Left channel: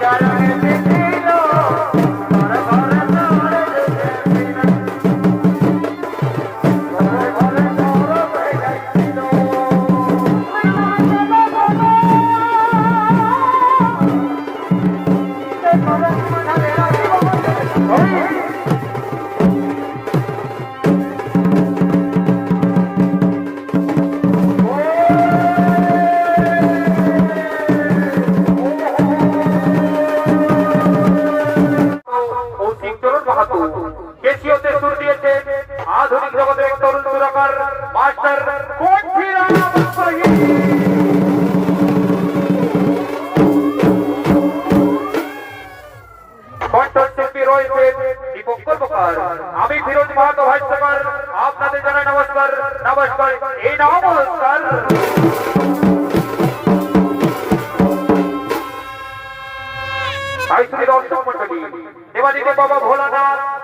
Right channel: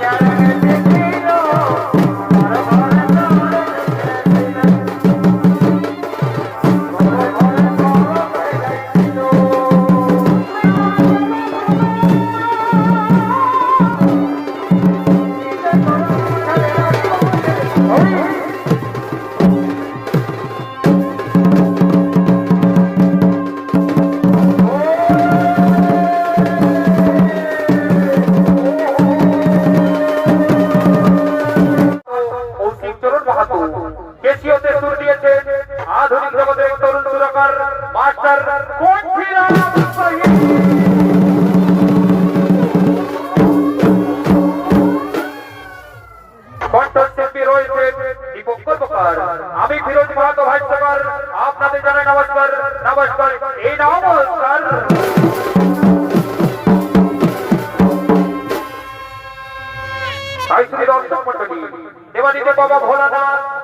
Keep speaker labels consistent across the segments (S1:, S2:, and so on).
S1: Yeah. কেসিওতে সুর দিয়েছে আধুনিক জগতের তরুণ সুরকার, মাস্টার আমি ফিরোজ মাহাতো ভাষ্যকার, আপনাদের জানাই নমস্কার নমস্কার, এই নমস্কার। তাই শ্রী দর্শক মন্ডলী দেবাদিদেব বাবা ভোলানাথ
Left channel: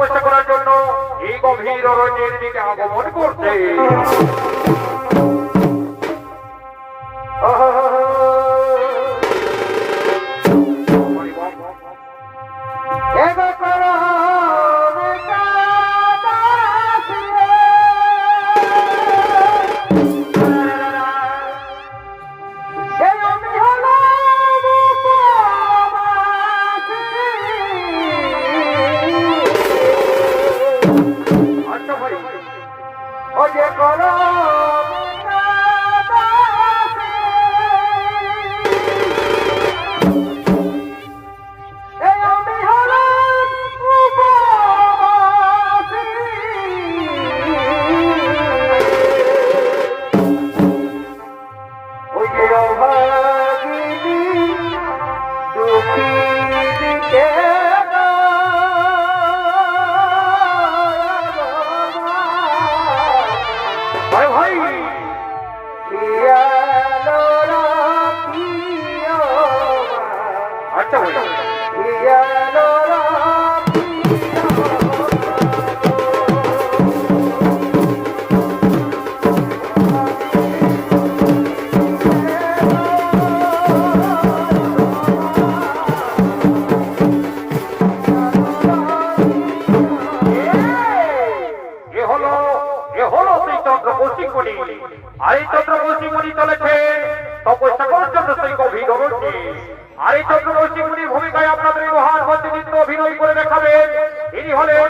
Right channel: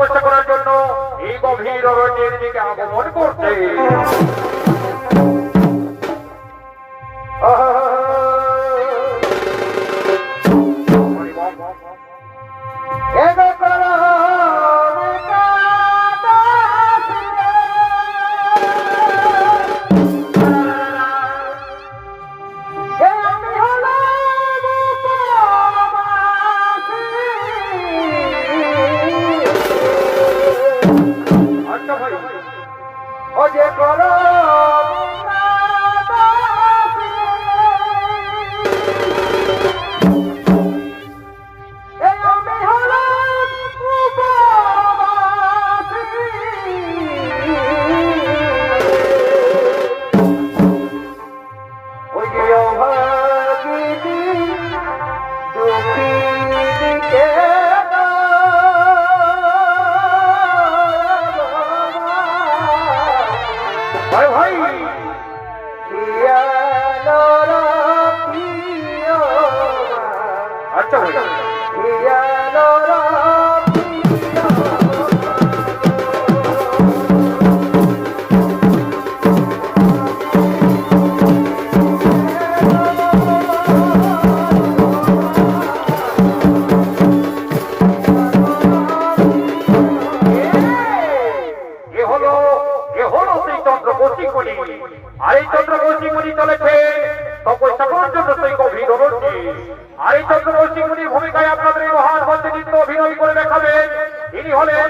S1: আজ করার জন্য এই গভীর অরণ্যের দিকে আগমন করছে ভাই এ হলো এ হলো সেই আর এই চন্দ্র কৌশিকমণি চলেছে তপস্যা সকলের জন্য সেই গভীর অরণ্যে আর এই চন্দ্র কৌশিকমণির ভূমিকায় আপনাদের এই মহান মঞ্চে নৃত্য অভিনয় করে দেখাবেন। ইনি হলেন